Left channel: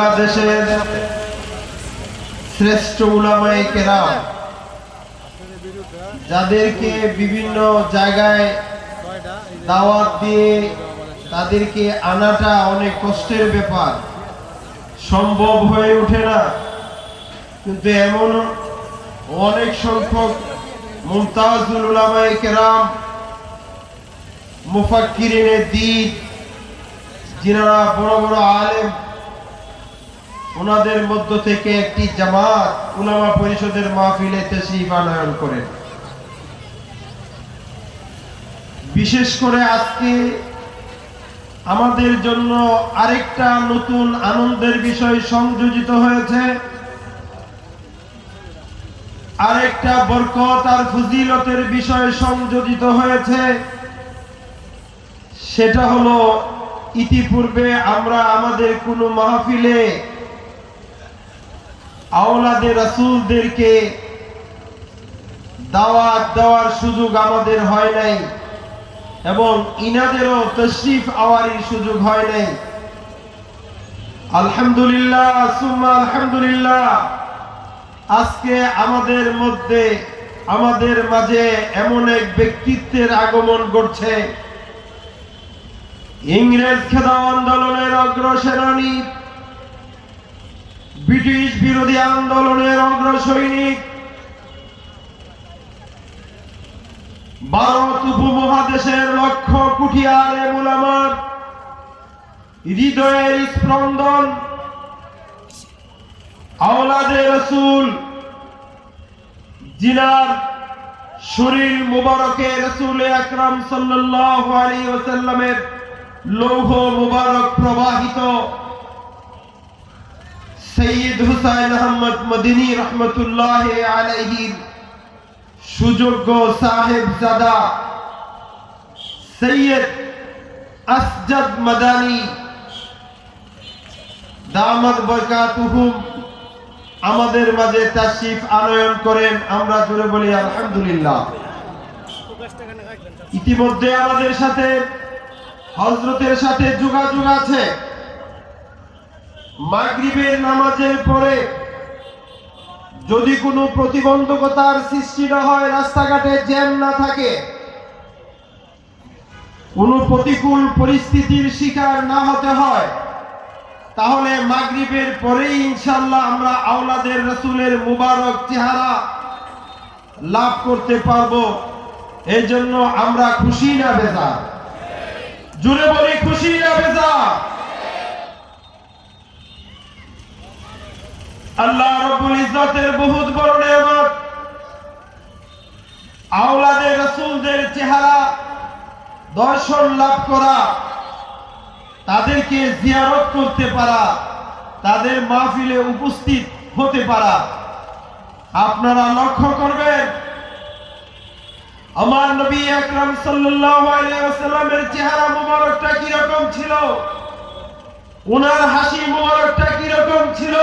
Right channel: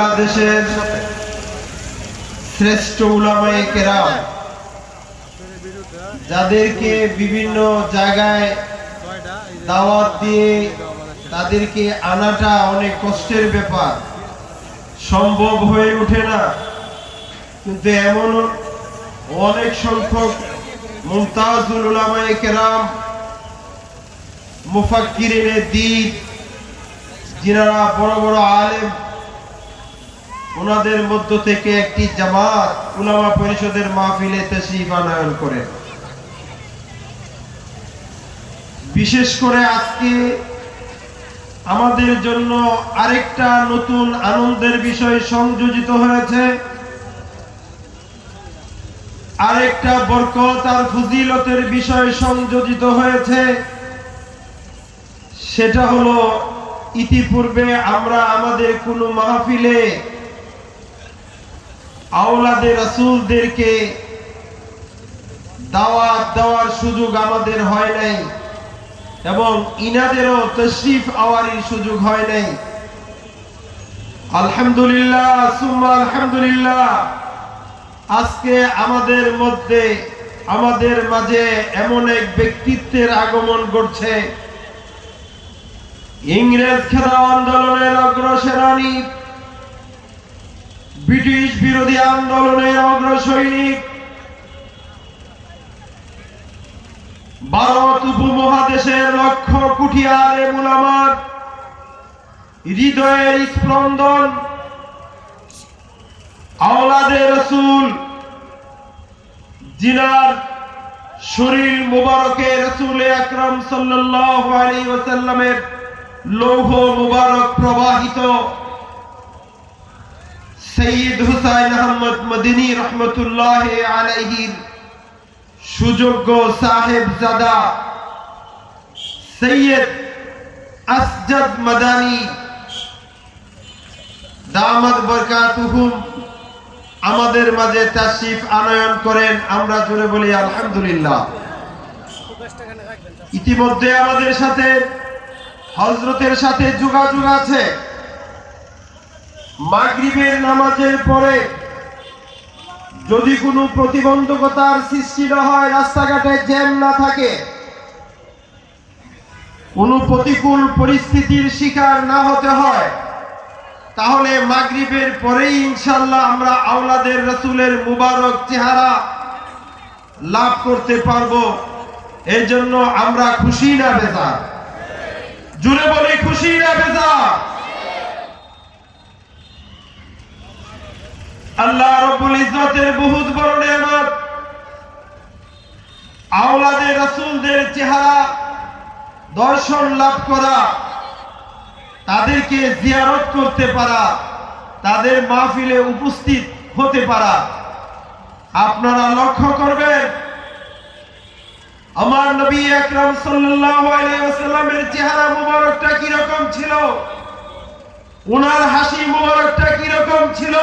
বাংলাদেশের শ্রেষ্ঠ উলামায়ে কেরাম, যাদেরকে বিভিন্ন জায়গায় দাওয়াত দিয়ে তাদেরকে আনাটা অনেক কষ্টের ব্যাপার। সম্ভব হয়ে ওঠে না। কিন্তু এমন অনেক সংখ্যক মুমতাজুল উলামায়ে কেরাম মুফাক্কিরিনে দ্বীপ যিনারা বড় বড় আলেম ওনাদের মধ্য থেকে একটি জামাত উলামা পরিষদের মাহফিলে তশরিফ আনয়ন করেন বিশেষ করে আজকে আমাদের জন্য আরেকটা নতুন আনন্দের বিষয় সংযোজিত হয়েছে। আরেকটা বরকত আর ফজিলতের বিষয় সংযোজিত হয়েছে। সেটা হলো, ইতিপূর্বে আমরা আমাদের কোনো মাহফিলে আওলাদের রাসূলদেরকে দাওয়াত দেওয়ার সুযোগ আমাদের হয় নাই এবং ইনাদেরও তশরিফ আওয়ারির সুযোগ হয় নাই। আলহামদুলিল্লাহ, সুম্মা আলহামদুলিল্লাহ। আজকে আমাদের মধ্যে, আমাদের মাঝে এমন এক ব্যক্তিত্বের আগমন ঘটছে। ইংরেজ খেদাও আন্দোলনের অগ্রসেনানী ব্রিটিশ বিরোধী আন্দোলনের অগ্রসৈনিক। ভারত উপমহাদেশের লক্ষ কোটি আলেম উলামার হৃদয়ের স্পন্দন আওলাদে রসুল, জিনার শরীর মুবারকে রসুল আকরাম সাল্লাল্লাহু আলাইহি ওয়াসাল্লামের লৌহ মুবারক প্রবাহিত সৈয়দ হুসাইন আহমদ মদিনী রহমতুল্লাহ আলাইহির সুযোগ্য সাহেব জাদা, সৈয়দ আসজদ মাদানী, দামাদ বরকাতুহুম আমাদের মাঝে তাশরিফ আনয়ন করেন, আমরা জোরে বলি আলহামদুলিল্লাহ। ইতিমধ্যে আমাদের সাথে হজরতের সাথে যোগাযোগ আছে। মাগরিবের নামাজের পরে যদি কোনো প্রতিবন্ধকতার সৃষ্টি না হয়, রাস্তাঘাটে জ্যাম না থাকে, কোনো প্রতিকূল পরিস্থিতির শিকার না হতে হয়, তাহলে মাগরিবের পরেই ইনশাল্লাহ আমরা আওলাদের রসুলের মুবারক চেহারা লাভ করতে পারব। এই জন্য আমরা খুশি না বেজা জুড়ে বলি, খুশি না বেজা আল্লাহ রব্বুল ইজ্জতের বহুত বড় নেয়ামত। আওলাদের, রাসূলদের চেহারা দর্শন লাভ করা, তাদেরকে জিয়ারত করতে পারা, তাদের মাহফিলে উপস্থিত হতে পারা। আপনারা লক্ষ্য করবেন, আমার নবী আকরাম ওয়াসাল্লামের চেহারা মুবারকটা কি রকম ছিল? ওনার হাসি মুবারকটা কি রকম ছিল?